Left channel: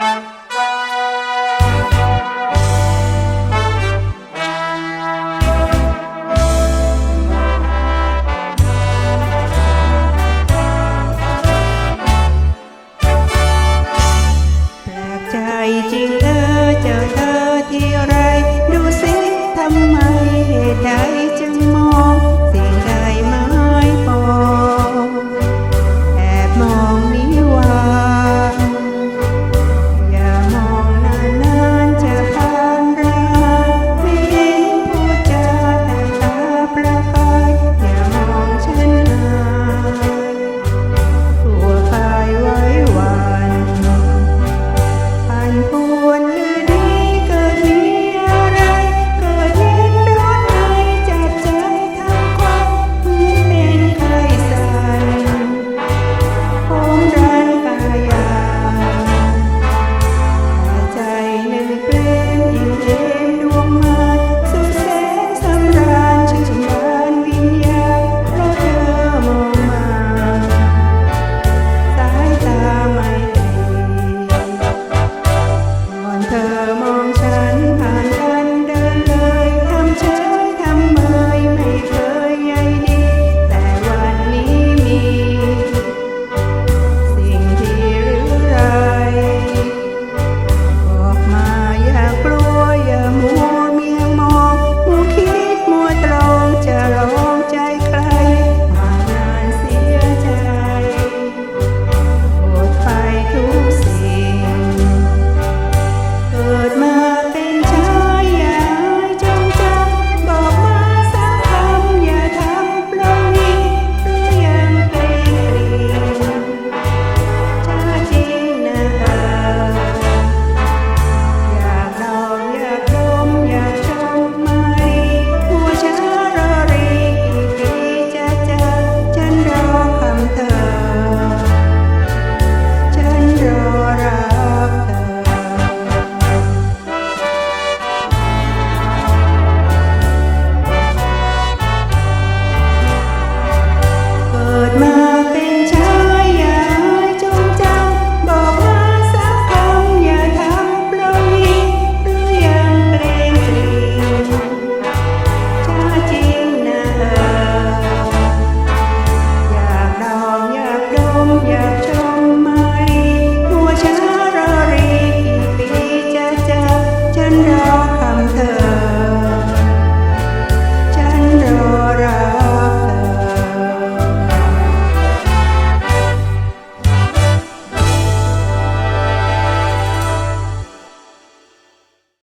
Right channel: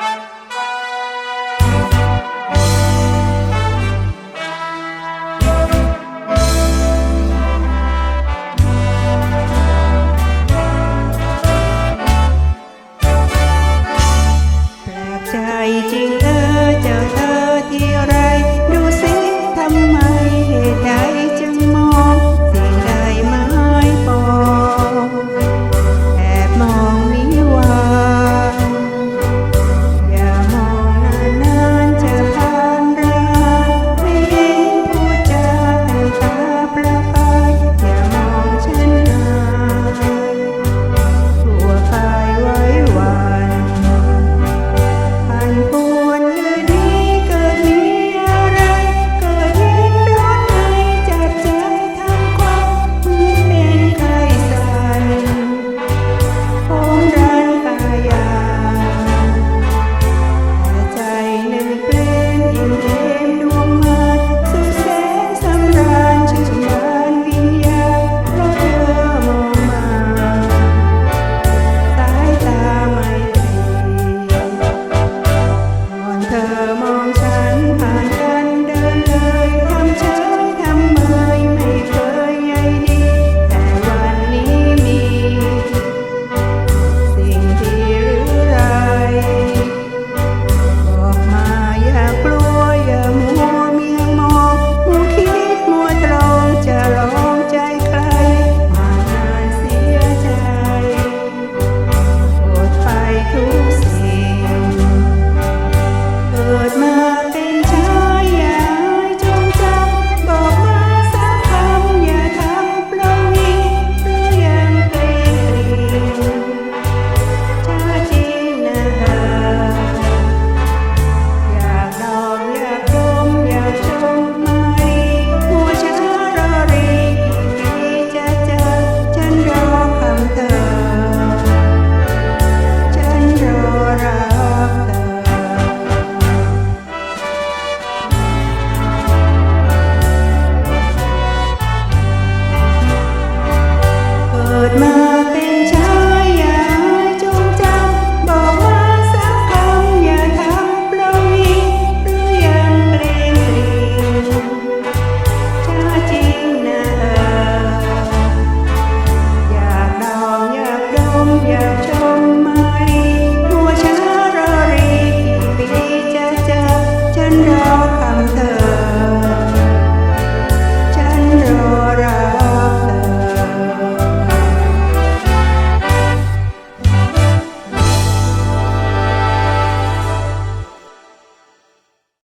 ใจจริงเออเจ้าเธอที่รัก and ากลัว